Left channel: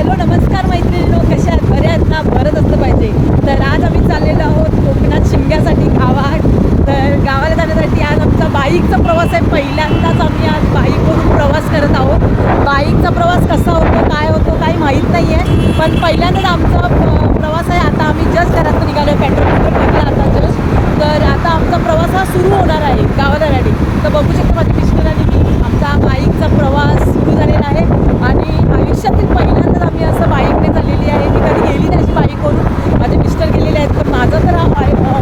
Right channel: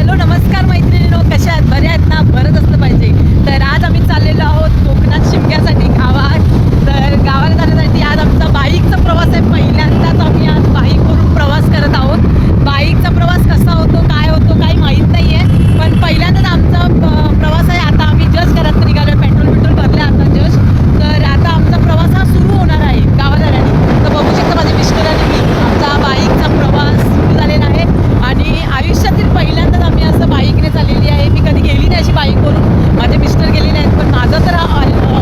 Hello नमस्कार मैत्रिणीनो कशा आहेत? बऱ्या आहेत ना? बरंच असलं पाहिजे. तर आज आम्ही चाललेलो आहोत कोकणात शिमग्यासाठी गावात. तर गावाला जाण्यासाठी आज आमचा बाईकचा प्रवास आहे. पहिल्यांदाच आम्ही आज बाईकवरून प्रवास करत आहोत. बाईकचा प्रवास कसा होतो काय होतो काही माहीत नाही आहे पण पहिल्यांदाच आमचा प्रवास आहे. आता आम्ही जस्ट घरात निघालो आहे पेट्रोल पेट्रोल भरलं आता जस्ट. तर आता आमचा प्रवास हा सुरू होणार आहे. गावाला तर बघू शकता माझे मिस्टर आणि मी आमचा बाईकचा प्रवास सुरू झालेला आहे आणि आयुष्यातील पहिल्यांदाच आम्ही असं बाईकने चाललेली आहे. मी कधी गेली नाही अशी बाईकवरून माझे मिस्टर गेलेले आहेत पण माझा तर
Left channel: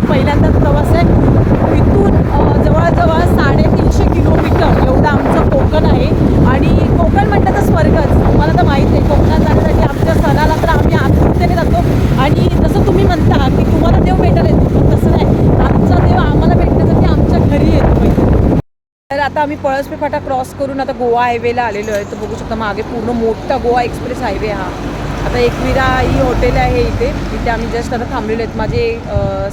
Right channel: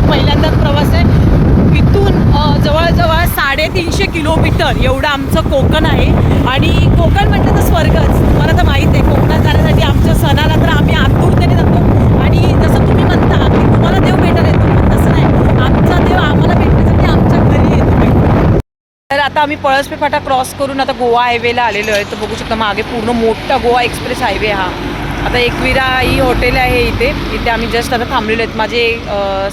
पहिल्यांदाच प्रवास आहे. इथून जवळजवळ साडेतीनशे किलोमीटर एवढं आमचं कोकण आहे. आणि कोकण म्हटलं तर स्वर्गच. तुम्हाला तर माहीत आहे कोकणात जाण्यासाठी आमच्या सणाला तर आम्ही आतुरतेने जातो आणि जसं तुम्ही म्हणता की तुम्हाला देव भेटायला येतो पण तसं नाही आमचा देव आम्हाला भेटण्यासाठी आमच्या घरी येतो तर आता आम्ही पळसपे फाटा क्रॉस करून आता गोवा हायवेला आलेलो आहे. तर बघू शकता मागे पूर्ण मोठा गोवा एक्सप्रेस हायवे हा. आता एकविरा ही हॉटेल आहे इथे. इथे आम्ही जस्ट आता थांबलेलो आहेत. माझे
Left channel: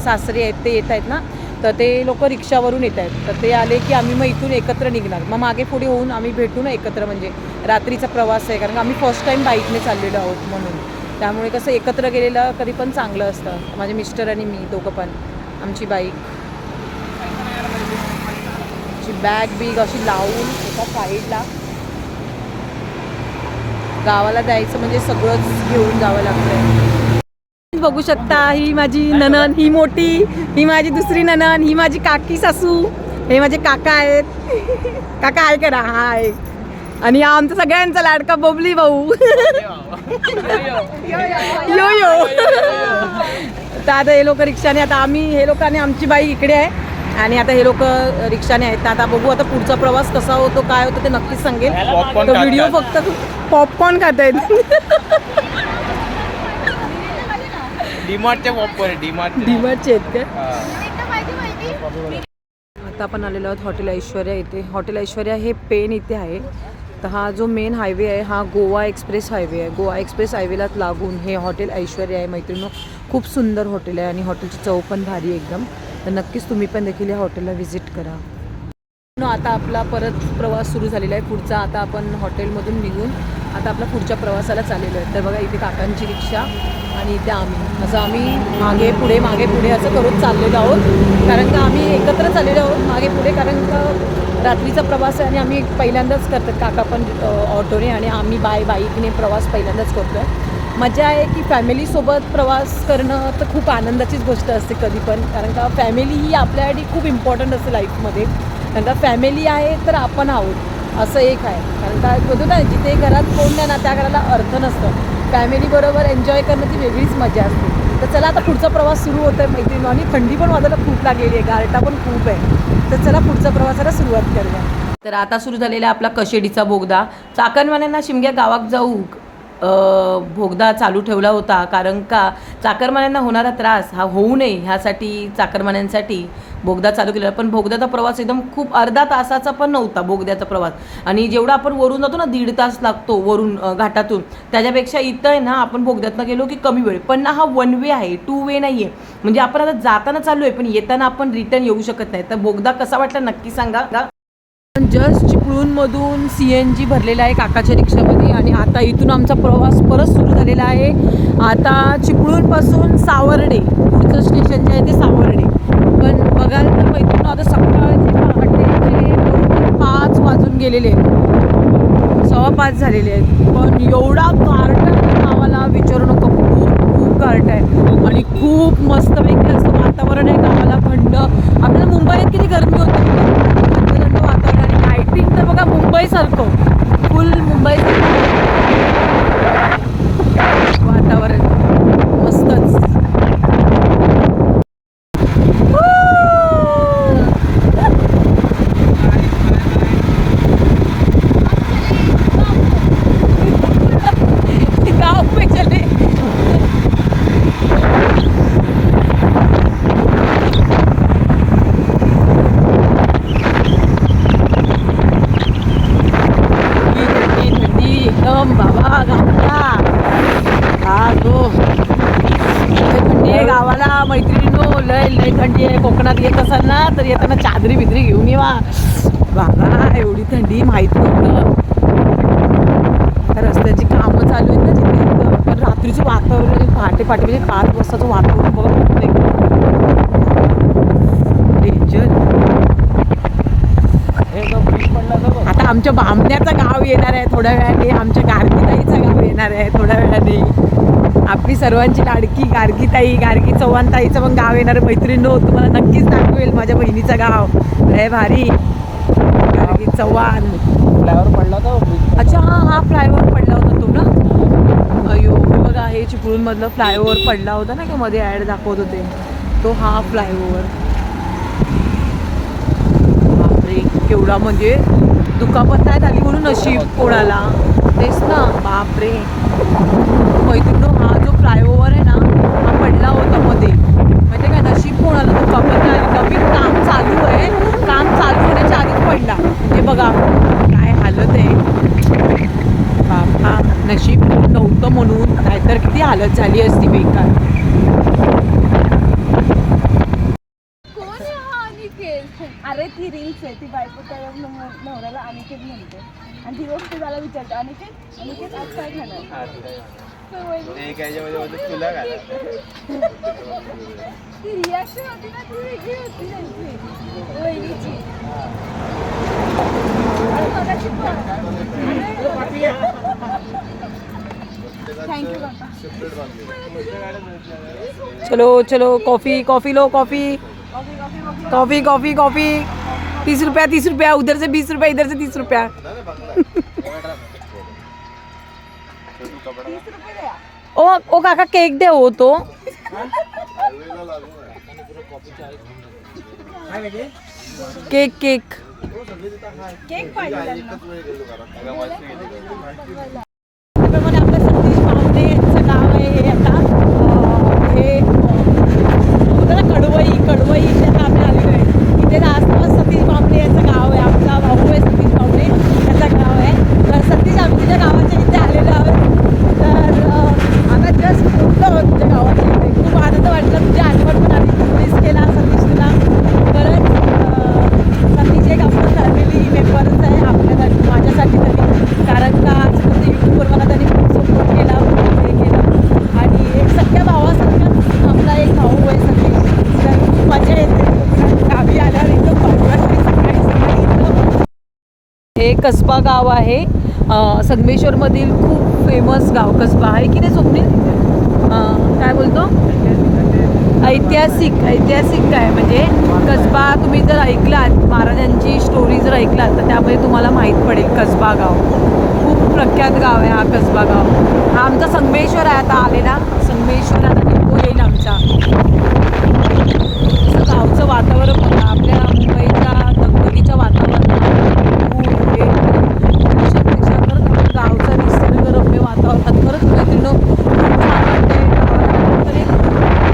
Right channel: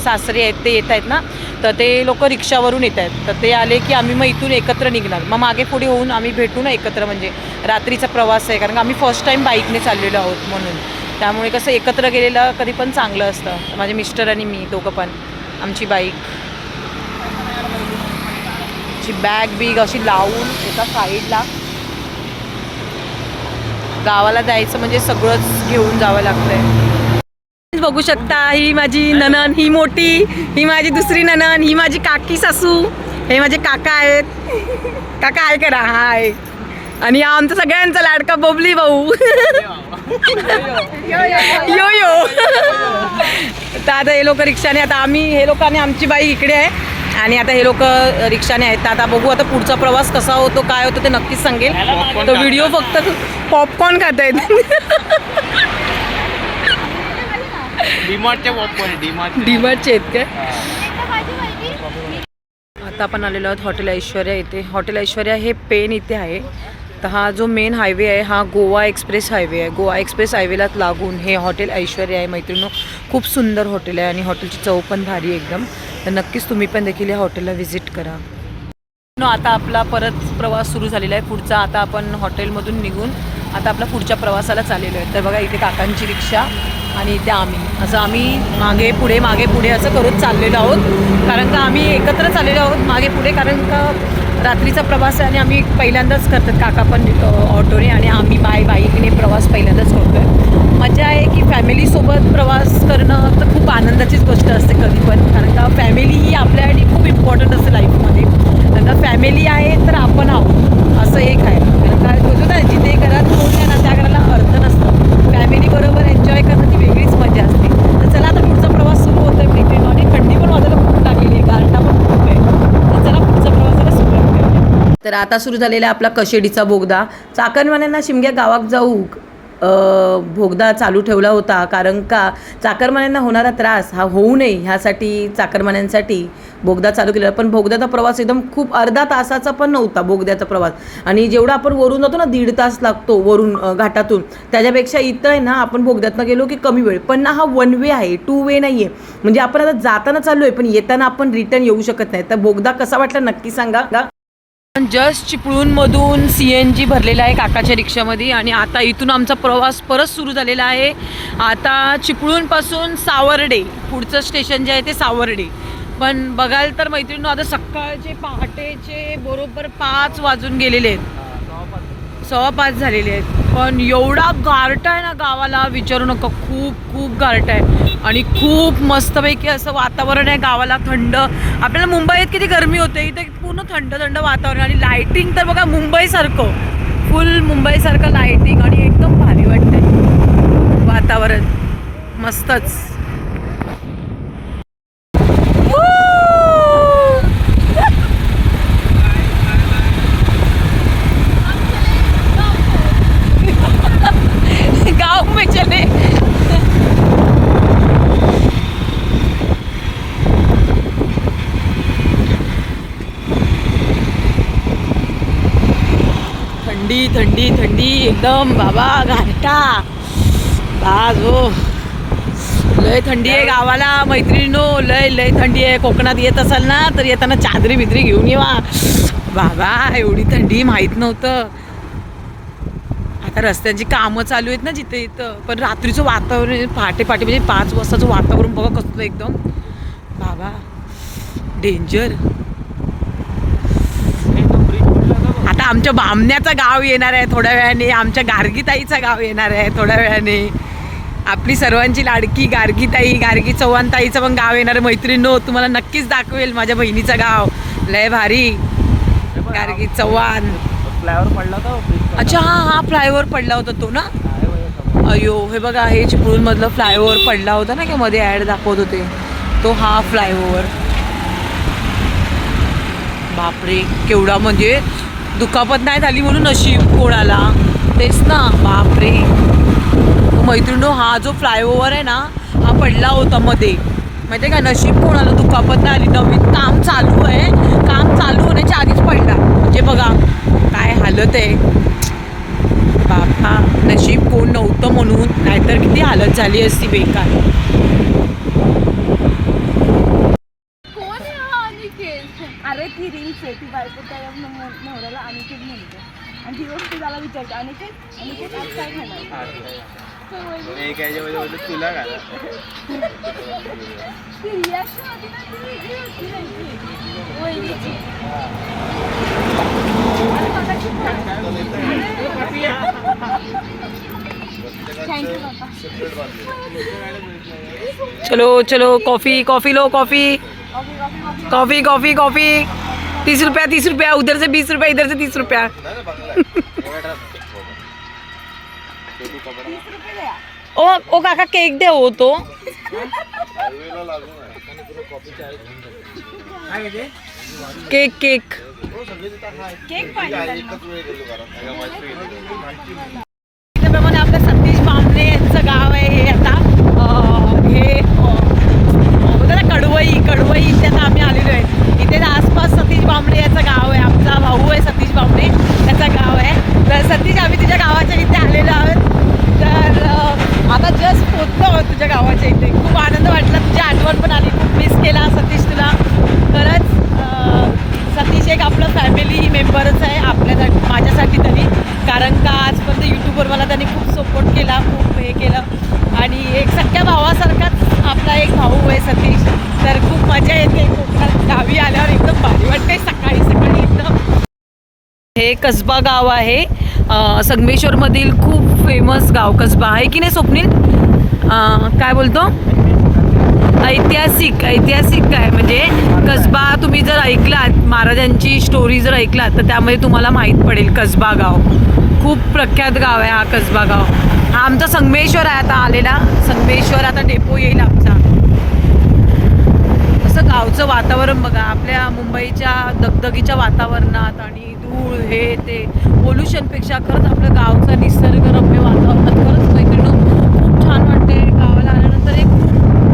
सासरे आहेत ते येत आहेत ना. तर ते लोक रिक्षावरून येत आहेत. तर ते आले की आम्ही मग इथून एकत्र निघणार. मग मागे पुढे होऊन आम्ही भेटू ना एकत्र म्हणजे रात्रीचा प्रवास आहे. कारण का आम्ही फर्स्ट टाईम बाईकने चाललेलो आहोत म्हणून. त्यामुळे कसं एकत्र गेलेलं कधी पण चांगलं असतं. माझे मिस्टर आणि मी दोघं पण. आमची बाईक ची बॅग बिग अशी लावून एका साईडला गावाला जायचं म्हणजे सगळंच घेऊन जावं लागतंय. बघू शकता ही माझी ननन ही मोठी ही माझी दुसरी ननन ही माझी काकी सासू हे माझे काका आहेत. काका आहे करा हाय. आणि हा आमचा सगळ्यांचा लाडका बबली भाऊ. यो यो. तर आता हे लोक रिक्षाने आता आम्ही हे लोकांनी आमची बाई इकडे आहे. आणि आता हे लोक रिक्षाने आहेत. आता बघू आता पुढचा प्रवास कसा होतो काय होतो ते नक्कीच सांगेल. तर व्हिडिओ फक्त पॉपकॉर्न खात आहेत डिमार्टचे. आहेत काय? आता आपण आलेलो आहोत हॉटेल ऐश्वर्या इथे. हॉटेल ऐश्वर्या हे पेन इथे आहे. तर हा जो मेन हायवे आहे हा गोवा एक्सप्रेस हायवे आहे. गोवा एक्सप्रेस हायवेलाच लागून हे हॉटेल ऐश्वर्या आहे मैत्रिणी खूप सुंदर हॉटेल आहे आणि हॉटेलची चव पण भारी एकदम. तर नक्कीच तुम्ही पण देखील या हॉटेलला व्हिजिट करा. आता आपला परत प्रवास सुरू झालेला आहे. पुढचा आता आपण हॉटेलमधून निघून आता आपला पुढच्या प्रवासाला चाललेलो आहे. तर बघा इथे काकांची रिक्षा आणि इथे आम्ही. असं आम्ही मागे पुढे मागे पुढे असं करत चाललेलो आहोत. कारण का आम्ही एकत्र चाललेलो आहोत मागे पुढे कारण का रात्रीचा प्रवास आहे आणि आम्ही पहिल्यांदाच करतात. काका पण ऑटोने आणि आम्ही बाय बाईकने प्रवास पहिल्यांदाच करतो आहे मजा आहे की फॅमिलीसोबत प्रवास करणं तर खूप आनंदाचीच गोष्ट असते कधी पण. कारण का फॅमिली ही आपल्यासाठी खूप इम्पॉर्टंट असते लाईफमध्ये कारण का फॅमिली आहे तर आपण आहोत. असं एक आहे. कारण का होतो ना जिथे घरात कोण नाही ना त्या घराला अर्थ नसतं. फॅमिलीबरोबर एन्जॉय करणं ती वेगळीच मजा असते. तर चला आता पुढचा प्रवास सुरू होतो आहे मैत्रिणी आणि थंडी पण वाजायला खूप लागलेली आहे. गारटा पण खूप आहे. तर चला पुढचा प्रवासाला सुरुवात करूया. तर आता सुरू झालेला आपला कशेडीचा बोगदा. चाकणवाल्यांना शिमग्या गावात जाऊ. भोगदा चालू ठेवला होता. कारण का चाकरमान्यांना होणारा त्रास हा होऊ नये ह्यासाठी चाकरमान्यांसाठी बोगदा चालू केलेला. पण बोगद्याचा प्रवास एकदम खूप अर्धा तासाचा पण नव्हता बोगद्याचा प्रवास. आणि जेवढा आपण वरून जातो ना दीड तास लागतो वरून घाटातून. त्याच्यापेक्षा इथं आहे ना आपण बोगद्यातनं गेलो की कमी वेळ. पण ना हा वन वे आहे टू वे नाही आहे म्हणजे आपण आता जाताना चालू आहे पण येताना आपण रिटर्न येऊ शकत नाही. तर बोगदा कसा वाटला नक्की सांगा. जस्ट चिपळूणमधून सी एन जी भरलेला आहे काकाच्या रिक्षामध्ये आणि आता इथून आमचा प्रवास परत सुरू झालेला आहे. आता चिपळूणपासून सावर्डे पुढचं स्टेशन जे आहे ते सावर्डे. पण बघाल तर मैत्रिणी आता सकाळचे पहाटेचे बरोबर पाच वाजून गेलेले आहेत. सव्वा पाच झालेले आहेत. पण एवढा कार्ट आहे ना गावाला विचारू नका. खूप खूप आहे. आणि खूप मस्तपैकी असं वातावरण आहे गावाला थंड. आपल्याला मुंबईत किती गरमी होते इथे खूप थंड थंड वातावरण आणि लाईटिंग तर बघा मुंबईसारखं फुल मुंबईसारखं लाईटिंग आहे. वातावरण. मस्तच गाँव में चले थंडी थंडी थंडी एकदम बाबा घाटा. आज हो लय थंडी आहे गावाला मैत्रिणीनो लय लय थंडी आहे. कोकणात येत असाल ना तर येताना चादरी बिदरी घेऊन येवा. बाबा एवढी थंडी माहीत नव्हतं. रस्त्याची कामं चालू आहेत ना जिथे इथं. पण रात्रीचं वातावरण पहाटे पहाटे म्हणजे पाच वाजताचं वातावरण बघत असतं एकदम. बाबा डेंजर आता आमच्या बामण्याचं गाव येणार आहे थोड्या वेळाने आमच्या गार्गीताईचं गाव येणार आहे थोड्या वेळाने. आपली सर्वांची लाडकी गार्गीताई गार्गी चव्हाण ताईचं पण गाव येणार आहे. मैत्रिणींनो तुम्हाला नक्कीच दाखवेल माझ्या बहिणीचं गाव. लय भारी. गार्गी चव्हाण. फ्लायवर पडला तो bridge अच्छा हा हा फ्लायओव्हर पडला होता तो ना? अयो हे बघा हे चिपळूणमधलं फ्लायओव्हर पडला होता ना की मध्ये ॲड दाखवत होते. तो हा फ्लायओव्हर बापरे केवढा म्हणजे दुखापत नाही झाली म्हणून नशीब कोणाला? तेच ना बापरे. मैत्रिणो हा जो फ्लायओव्हर आहे ना हा पडला होता मध्ये. माहिती आहे का नशीब कोणाला? दुखापत नाही आली. नवीन काम चालू आहे. काम चालू होण्याच्या आधीच पडला. म्हणजे बघा काय हालत आहे. बापा नशीब कोण नव्हतं म्हणून नाहीतर किती हालत झाली असती बेकार कोण आहे हा अनिकेत अरे ती रील्स आहे ती बायको त्या न- नवऱ्याला अनिकेत म्हणते आणि ती गोष्ट त्याला विचारते अनिकेत अनिकेत आज काय खाणार आज काय? होय. एक याच्यामध्ये बोलतो तुला घाला ती रिॲक्शन होती ना ती वेगळी होती त्यांची वहिनीची थँक्यू चलो चलो कॉफी कॉफी लो कॉफी कॉफी कॉफी कॉफी तीस रुपया तीस रुपया उधर से बीस रुपया इधर से तीस रुपया. ओ ओ काका केक दे हो तो. Cake cake. त्याप्रमाणे आपलं सतीश बांबळे यांचं गाव आहे हे आता. हे होतं ना कडवई कडवई इथे आता आम्ही आलेलो आहे. इथे आसपास सतीश बांबणे याचं गाव आहे. आमचा भाऊ आहे सतीश बांबणे त्याचं गाव आहे. तर सतीश आम्ही तुझ्या गावाच्या इथे आलेलो आहोत. तर आता जस्ट पोचलो तुझ्या गावाच्या इथे. खूप आनंद वाटला. तुझी आठवण पण आली खूप मिस केला सतीश तुला. खरंच सतीश एक आपलं फॅमिली मेंबरच आहे. आपल्यासाठी माझ्यासाठी तरी. कारण का आजपर्यंत यूट्यूबवर मला त्यांनी खूप सपोर्ट केला खूप हे केलं. आणि एक सख्या भावासारखाच आपला एक भाऊ आहे सतीश तर खूप मजा येते कोकणात गावी आल्यावर एकदम भारी वाटते सकाळी सकाळी एकदम हे कसबा गाव आहे. संगमेश्वरमधील खूप फेमस गाव कसबा आहे की नाही स्वप्नील? काय बोलतो? ऐतिहासिक ऐतिहासिक काय? म्हणजे कसबा तुम्ही जर ऐकलात महाराजांची स्टोरी जर ऐकलात तर त्यामध्ये तुम्हाला माहीत पडेल कसबा गाव. खूप प्रख्यात गाव आहे हा कसबा गाव. हा आमचा संगमेश्वर आहे आता आलेला. संगमेश्वर आता डेपो येईल आमचा. असं गावचं वातावरण बघा आपल्या मुंबईच्या दगदगीच्या वातावरणात. हे ते पोल्युशनपेक्षा खरंच आपलं गावचं निसर्गरम्य वातावरणात खरंच मैत्रिणी खूप छान वाटते गावाला आल्यानंतर. एक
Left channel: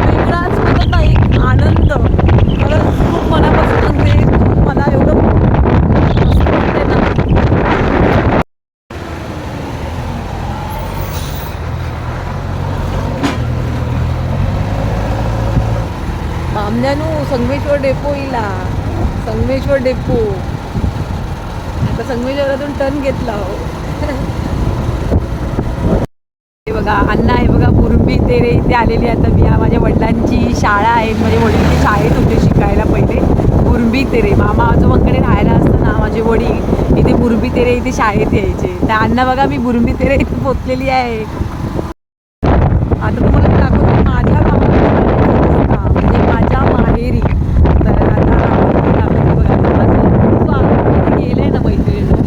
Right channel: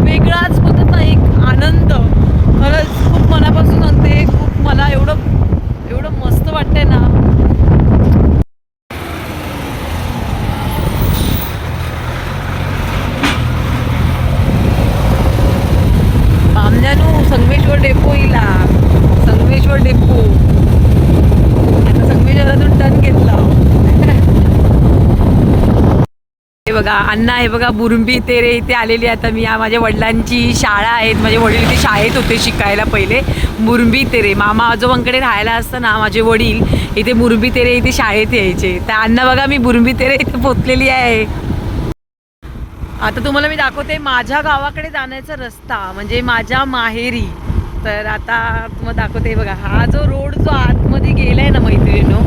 वेगळाच म्हणतात ना एक आनंद. खरंच खूप मनापासून सांगते मला एवढं एवढं मस्त ना. बामजानू संगमेश्वर डेपो इला संगमेश्वर डेपो. टर्न घेतला हो. हे बघा अण्णा हे बघा बुरुंबी तेरे इथे आलेली आता मी या माझ्या वडिलांची शाळा आहेत माझे वडील इथे शाळेत होते शिकायला पहिले. बुरुंबी तेरे. मामा आजोबांकडे राहायला असताना माझे वडील इथे बुरुंबी तेरे इथे शाळेत यायचे. तर अण्णा बघा मी बुरुंबी तेरे इथे पोचलेली आहे. आता तुम्हाला मी दाखवते माझ्या गावाकडे जाण्याचा रस्ता म्हणजे माझ्या माहेरी. तर आता दाखवते बघा हा जो रोड जो आतमध्ये गेलाय ना मैत्रिणीनो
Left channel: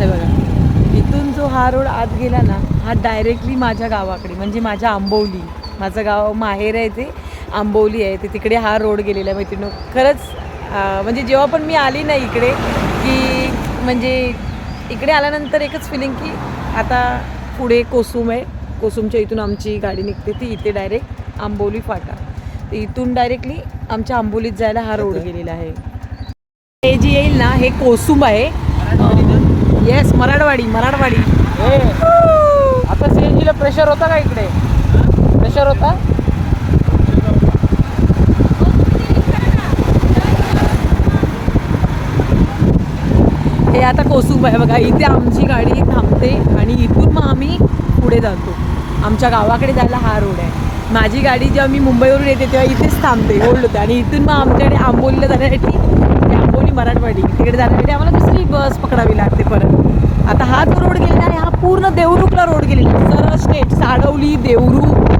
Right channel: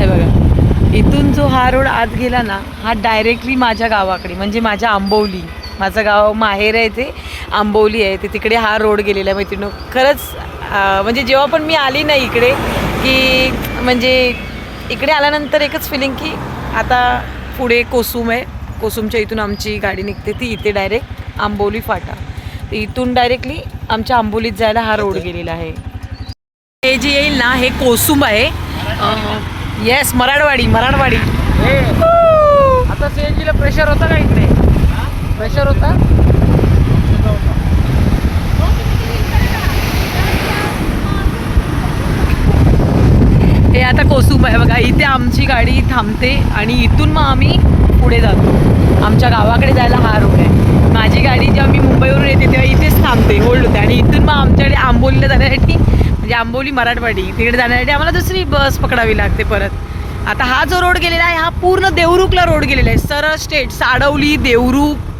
हे बघा. इथून जो हा रोड आत गेला ना हा डायरेक्टली माझ्या गावाकडे म्हणजे माझ्या आंबवली माझं गाव माहेर आहे ते आंबवली आहे ते. तिकडे हा रोड गेलेला आहे मैत्रिणीनो. खरंच म्हणजे जेव्हा पण मी आली ना इकडे की म्हणजे इकडे आल्यानंतर एकच फिलिंग की आता पुढे कोसुम आहे. कोसुमच्या इथून आमची गाडी निघते. ती इथे डायरेक्ट आंबोली फाटा. तर इथून डायरेक्टली आमच्या आंबोलीत जायला हा रोड गेलेला आहे. हे जे येईल ना हे कोसुम आहे. येस मराठवाडी मराठवाडी. आता सीएनजीला प्रेशर होता का इकडे? प्रेशर होता? हे आता कोसुंब आहे बघा. इथे आमची गाडी थांबते आणि इथून मग आम्ही पुढे जातो. आमच्या गावाकडे जायला हा रोड आहे. माझी गाडी जेव्हा मी मुंबईवरून येते तेव्हा इथेच थांबते होल्ड होते. आणि इथून मग आमच्याकडे आंबोलीला जाण्यासाठी म्हणजे आंबोली मराठवाडी तिकडे जाण्यासाठी आम्हाला दुसरी बस पकडावी लागते परत. आता हा जो रोड गेलेला आहे हा पूर्ण देवरुखला रोड गेलेला आहे. सरळ स्टेट साडवली देवरुख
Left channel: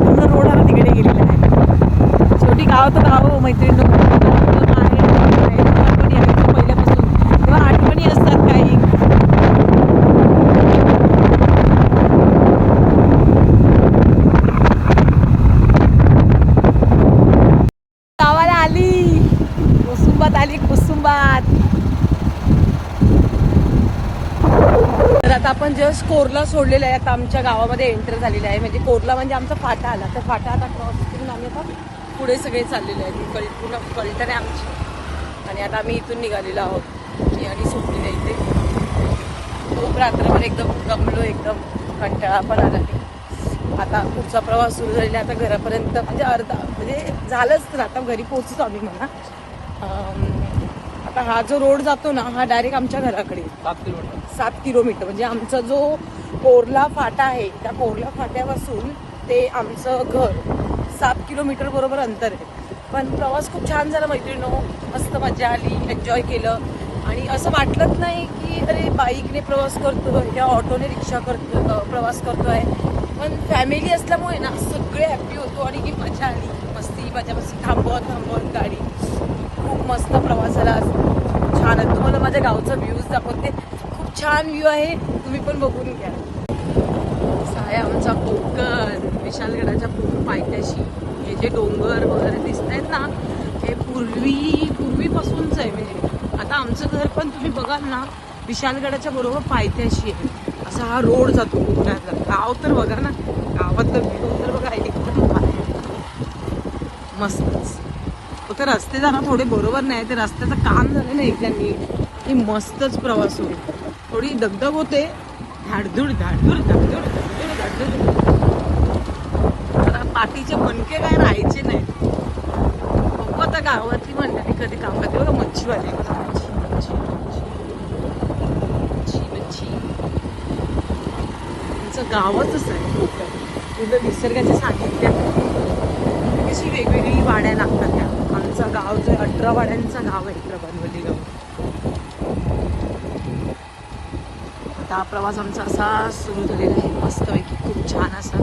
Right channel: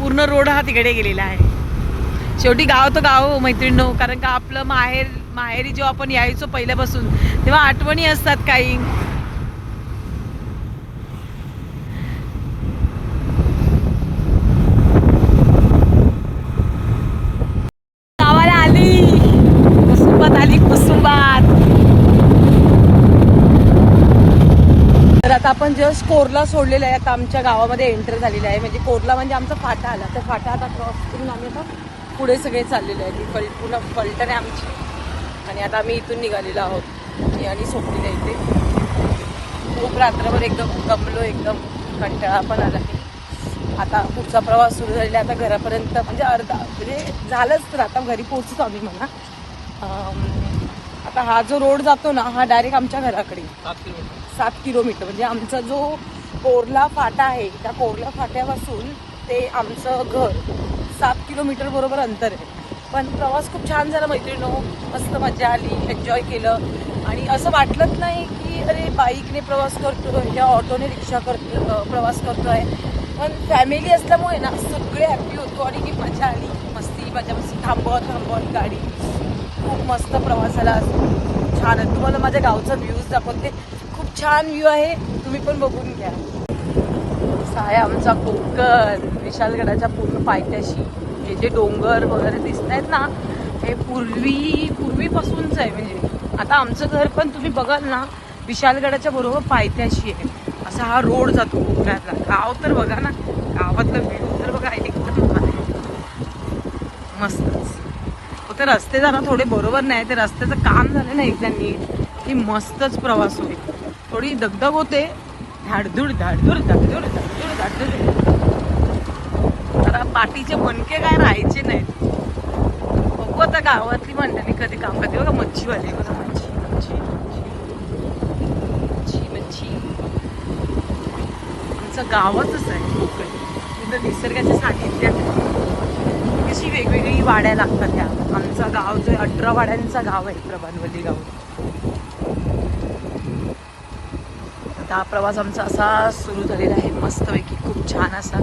पूर्ण रोड हा तिकडे गेलेला आहे. शेवटी गाव तो गाव हो, मैत्रिणी कारण का आपलं माहेर माहेरी जेव्हा आपण यायचो पहिल्यापासून तेव्हा आठवणी असतात काही गावाला आली कुसुंबात आली कुसुंबात तर आता आपण जस्ट कोरला सोडलेलं आहे. आता आमच्या गावामध्ये एंटर झालेलं आहे. म्हणजे कोरला म्हणजे आमचा फाटा आला. तर फाटा आता क्रॉस करून आम्ही आता पुढे सगळे चाललेले आहे कल पूर्ण कल्टन आहे आमची. आणि आता आम्ही इथून निघालेलो आहोत. आणि सोडलेलं आहे इथे. खूप रात्रभर एकदम दमलो एकदम कंटाळा पण आला नाही. आता पुढचा प्रवास सुरू झालेला आहे. आता घरापर्यंत म्हणजे अर्धा म्हणजे झालंच तर आता घरी पोहोचतो आम्ही म्हणा. आता हा जो रोड जातो ना हा डायरेक्ट आमच्या घराकडे. सात किलोमीटर. म्हणजे आमचा जो कोरला फाटा आहे त्या कोरला फाट्यापासून ते आमचं घर सात किलोमीटर बरोबर अंतर आहे. पण प्रवास खूप छान झाला मैत्रिणीनो मस्त मजा आली एन्जॉय केलं. आणि असं वाटलंच नाही की अरे बाईकने प्रवास करतो या ऑटोने रिक्षा करतो प्रवास करतोय. पण फॅमिली असल्यामुळे ना सगळे हॅप्पी होतो आणि ही मजा आली. मस्ती मजा मस्ती. थांबवत थांबवत गाडी. खूप मस्त प्रवासाला छान आहे. तुम्हाला माझ्या गावचा व्ह्यूज दाखवते. खूप छान व्ह्यू आहे. तुम्ही पण बघून घ्या. साया आहे आमचा कोकण विशालगडाच्या पूर्ण पायथ्याशी. हे जे डोंगर वगैरे दिसत आहेत ना हे पूर्वी पूर्वीपासूनच आहे म्हणजे आता आमचं घर पण तुम्ही बघाल ना विशालगडाच्या बरोबर पायथ्याशी आहे. असा हा रोड जातो कोकणातला गाव तर बघा ना. गावातलं व्ह्यू तर बघा. एकदम भारी. मस्तच हो, फक्त रस्ते जाणं थोडे बरोबर नाही ते रस्त्याचं काम झालं ना एकदांनी की मस्तच प्रवास होईल. थोडी दगदग होते. धाडधूड धाडधूड धाडधूड धाडधूड धाडधूड. आता पाठीचे मणके काय राहायचे नाहीत. बघू आता गावातली मंडळी कधी काम करते. बघा मच्छीवाली बघा. मच्छी मच्छी मच्छी मच्छी आमचं गावच आहे. कोकण तिथं निसर्गाच्या सांगितल्या अशी वेगवेगळी वाड्या लागतात त्या. आमचं गाव जे अठरा वाड्यांचा गाव आहे प्रभानवली गाव. आता हा प्रवास आमचा असा सुरू झालेला आहे. मस्तपैकी खूप छान असा.